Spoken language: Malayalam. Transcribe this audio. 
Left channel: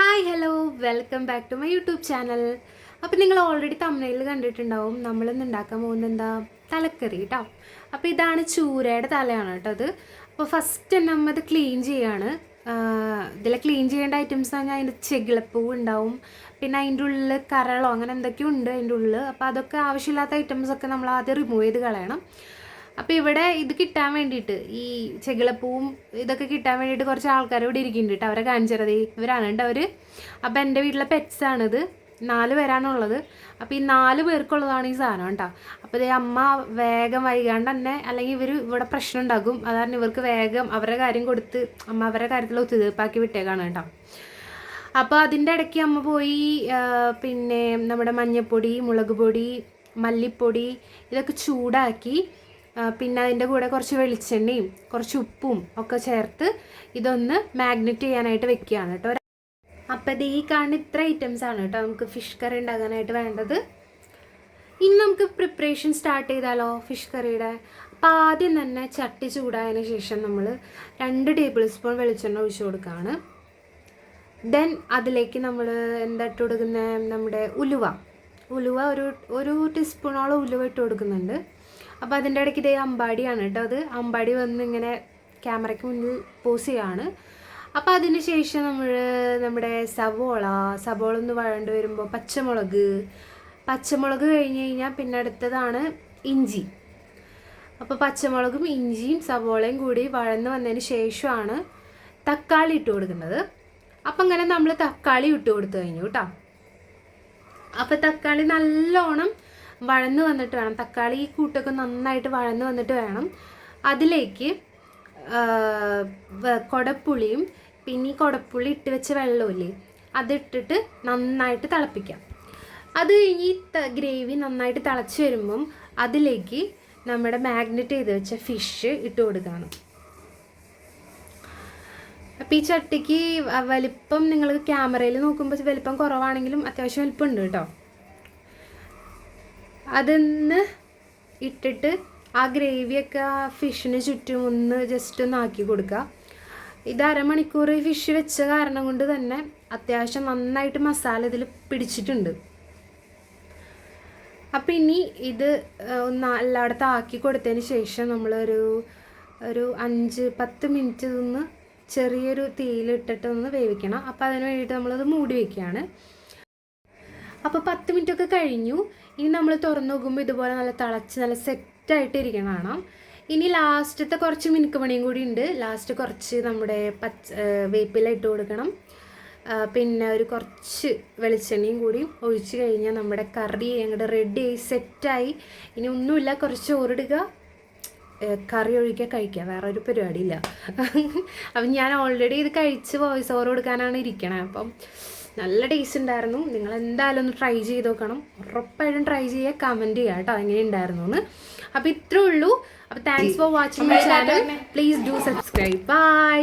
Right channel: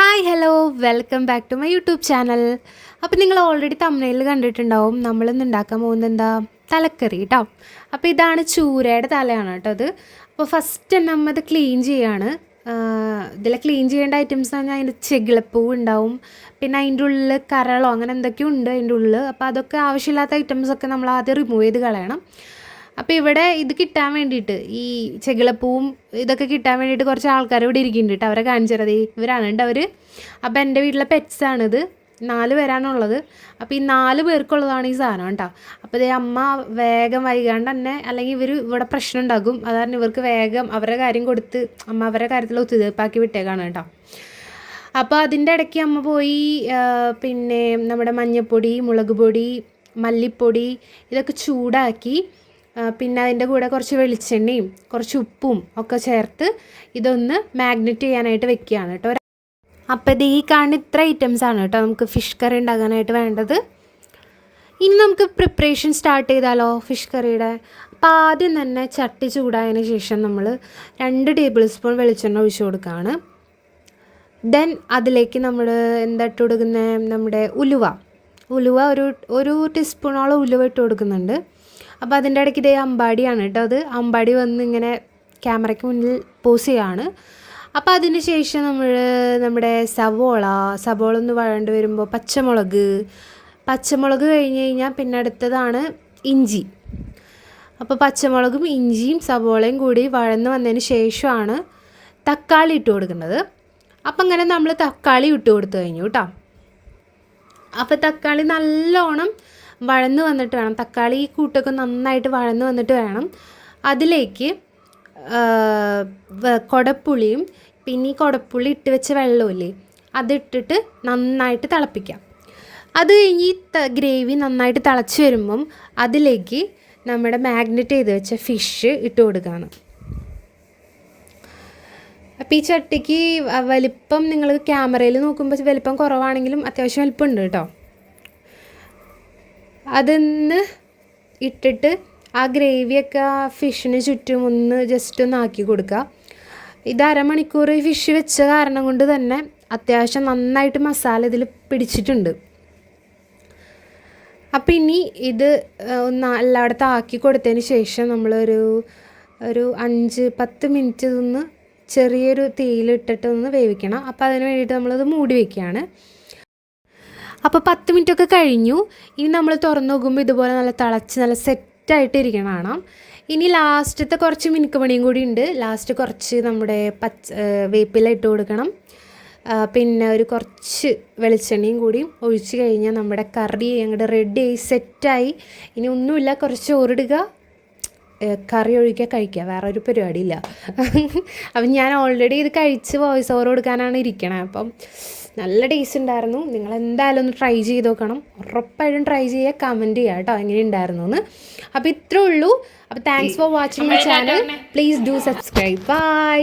Hi hello welcome back to my YouTube channel. അപ്പോൾ നിങ്ങൾ ഓൾറെഡി തമിഴിൽ കണ്ടിട്ടുണ്ടാവും. നമ്മളിന്ന് ഉണ്ടാക്കാൻ പോകുന്നത് എന്താ, തലക്കറി കേട്ടോ. അപ്പോൾ ഇതാണ് ചൂരയുടെ തലയാണ് കേട്ടോ അത്. അപ്പോൾ ഫസ്റ്റ് തന്നെ നമ്മൾ ഇത് ക്ലീൻ ചെയ്യാണ്. ഇതിൽ ക്ലീൻ ചെയ്യേണ്ട ഐറ്റംസ് പറഞ്ഞാൽ അതിൻ്റെ ചെകിളപ്പൂവ് ഉണ്ടാവും, പിന്നെ അതിൻ്റെ ഉള്ളിൽ കരളോ അങ്ങനെ എന്തൊക്കെയോ ഉണ്ട് അതിൻ്റെ ഉള്ളിൽ. അപ്പോൾ അതൊക്കെ ആവശ്യമില്ലാത്ത ഐറ്റംസൊക്കെ നമ്മൾ ആദ്യം റിമൂവ് ചെയ്ത് കളയണം. അപ്പോൾ ഇവിടെ ഇത് കിട്ടാൻ വേണ്ടിയിട്ട്, ഈ ചെകിളപ്പൂവും ഇതൊക്കെ കിട്ടാൻ വേണ്ടിയിട്ട് കുറച്ച് ആൾക്കാർ ഇവിടെ ഇരിക്കുന്നുണ്ട് കേട്ടോ. അവരെ കാണിച്ചത് ഇവരാണ് കേട്ടോ അവർ. അപ്പോൾ എൻ്റെ വീട്ടിലെ പെറ്റ്സാണിത്. 4 പേരാണുള്ളത്. അപ്പോൾ ഈ 4 പേർക്കുള്ളതാണ് ഈ സാധനം കേട്ടോ. അപ്പോൾ ഇതേ അമ്മ വേഗം വൈകാണ്ട് തന്നെ, അല്ലെങ്കിൽ ഇവർ ഇവിടെ പ്രശ്നം ഉണ്ടാകും, അതാണ് ഇവർക്ക് വേഗം അവരുടെ കാര്യം കൊടുത്ത് അമ്മ അവരുടെ കാര്യത്തിൽ ഒത്തുതീർപ്പാക്കി വിട്ടേക്കാണ് കേട്ടോ. അപ്പോൾ അതിൻ്റെ ഇടയ്ക്ക് അമ്മ പോയി പിന്നെ നമ്മുടെ മഞ്ഞൾപ്പൊടി, മുളക് പൊടി, മല്ലിപ്പൊടി ഇതൊക്കെ ചൂടാക്കി, പിന്നെ അതിൻ്റെ കൂടെ കുറച്ച് വെളിച്ചെണ്ണയും കുറച്ച് ഉപ്പും ഒക്കെ ചേർത്ത് ഇതൊന്ന് മാഗ്നറ്റ് ചെയ്യാനായിട്ട് വെക്കുകയാണ് കേട്ടോ. അപ്പോൾ ഇത് ഈ കാണുന്ന ഇത്ര ഐറ്റംസാണ് കേട്ടോ നമുക്ക് ഫിഷ് കറി ഉണ്ടാക്കാനായിട്ട് വേണ്ടത്. ഇനി നമുക്ക് പ്രിപ്പറേഷൻ സ്റ്റാർട്ട് ചെയ്താലോ ഫിഷ് കറിയുടെ. അപ്പോൾ ആദ്യം തന്നെ ചട്ടി ചൂടായതിന് ശേഷം നമ്മൾ 2 ടേബിൾ സ്പൂൺ വെളിച്ചെണ്ണ ഒഴിച്ച് കൊടുക്കുകയാണ്. ദെൻ അതിലേക്ക് നമ്മൾ എന്താ ഇട്ട് കൊടുക്കുന്നത്, നമ്മുടെ ഉലുവ ഒരു ടീസ്പൂണോളം ഉലുവ ഇട്ട് കൊടുക്കുന്നുണ്ട്. അപ്പോൾ അതിൻ്റെ ഇടയ്ക്ക് ഇതേ അമ്പാടിയാണ് കേട്ടോ അത്. അമ്പാടി വന്ന് ഇങ്ങനെ ക്യാമറയ്ക്ക് മുന്നിൽ പോസ് ചെയ്യുകയാണ്. അപ്പോൾ അതിന് ശേഷം നമ്മുടെ സവോള ഒന്ന് വഴണ്ട് വരുമ്പോൾ പച്ചമുളക് കഴിഞ്ഞ് കഴിഞ്ഞാൽ പിന്നെ അടുത്തതാണ് ഇഞ്ചി. അപ്പോൾ പച്ചമുളകും ഇഞ്ചിയും സവോളയും കൂടി വഴന്ന് വന്നതിന് ശേഷമാണ് തക്കാളി ഇട്ട് കൊടുക്കുന്നത്. അപ്പം അങ്ങനെ നമ്മൾ തക്കാളി ഇട്ട് കൊടുത്തു കഴിഞ്ഞു കേട്ടോ. അപ്പോൾ തക്കാളി നല്ലോണം വഴന്ന് വന്നിട്ട് വേണം, തക്കാളി ഈ കൂട്ടൊക്കെ നന്നായിട്ട് വഴന്ന് വന്നിട്ട് വേണം അതിലേക്ക് കുടപ്പുളിയും പിന്നെ ഈ കുടപ്പുളി ഇട്ട് വെച്ച വെള്ളമില്ലേ അതിട്ടിട്ട് നന്നായിട്ട് തിളപ്പിക്കാം. അത് കഴിഞ്ഞ് ഈ ഗ്രേവി നന്നായിട്ട് തിളച്ച് വരുമ്പം അതിലേക്ക് നമ്മുടെ മാഗ്നറ്റ് ചെയ്ത് വെച്ച ഫിഷ് ഇട്ട് കൊടുക്കുകയാണ്. അപ്പോൾ ഈ ചട്ടിക്ക് വലിപ്പം നിങ്ങൾ ക്യാമറയിൽ നോക്കുമ്പോൾ വലിപ്പം കുറവാണെങ്കിലും അത്യാവശ്യം വലിപ്പമുണ്ട് കേട്ടോ. അതൊന്ന് ഇട്ടിട്ട് ആ ഗ്രേവിയൊക്കെ ആ ഫിഷിന് ചുറ്റും ഒന്ന് ജസ്റ്റ് ഒന്ന് ആക്കി കൊടുക്കുക. ഇത് അരമണിക്കൂർ ഫിഷ് വെച്ച കാരണം കൊണ്ട് തന്നെ അത്യാവശ്യം നന്നായിട്ട് മസാല ഇതിൽ പിടിച്ചിട്ടുണ്ട്. അപ്പോൾ ഇനി ഇത് ഒന്ന് എല്ലായിടത്തും ആക്കി കൊടുത്തതിന് ശേഷം നമ്മളൊരു 5-10 മിനിറ്റ് ഇതൊന്ന് ചെറിയൊരു തീയിലിട്ടിട്ട് ഒന്ന് വേവിക്കണം. അപ്പോൾ അതിന് വേണ്ടിയിട്ട് നമ്മളത് മൂടി വയ്ക്കുകയാണ്. അപ്പോൾ 10 മിനിറ്റൊക്കെ കഴിഞ്ഞു. ഇനി നമ്മൾ തുറന്നു നോക്കുമ്പോൾ ഇതുപോലെ നല്ല തിളച്ച് നല്ല സെറ്റായിട്ട് ഇരിക്കണം. ഇനി ലാസ്റ്റത്തെ കുറച്ച് മിനുക്കുപണിയും കൂടി ഉണ്ട്. ലാസ്റ്റ് കുറച്ച് നമ്മുടെ വേപ്പില ഇട്ട് കൊടുക്കണം. പിന്നെ കുറച്ച് വെളിച്ചെണ്ണയും കൂടി ഒഴിച്ച് കഴിഞ്ഞാൽ നമ്മുടെ കറി അങ്ങോട്ട് റെഡിയായി സെറ്റായി. ഇനി ഒന്നുമില്ല, കുറച്ച് ചോറിടുക, കറി ഒഴിക്കുക, കഴിക്കുക, വേറെ ഒരു പരിപാടിയില്ല. അപ്പം ഞാൻ ഓൾറെഡി ഇത് കഴിച്ച് വോയിസ് ഓവർ കൊടുക്കാനാണ് ഇരിക്കണത്. അപ്പം നല്ല ടേസ്റ്റ് ഉണ്ടായിരുന്നു. നിങ്ങൾ എന്തായാലും ഒന്ന് ട്രൈ ചെയ്ത് നോക്കണം. ഉറപ്പായിട്ടും ട്രൈ ചെയ്യുക, കമൻറ്റ് ചെയ്യുക കേട്ടോ എങ്ങനെ ഉണ്ടായിരുന്നു എന്ന്. അപ്പോൾ ഇത്രേ ഉള്ളൂ. അപ്പോൾ thanks for watching my channel. Please do subscribe. By.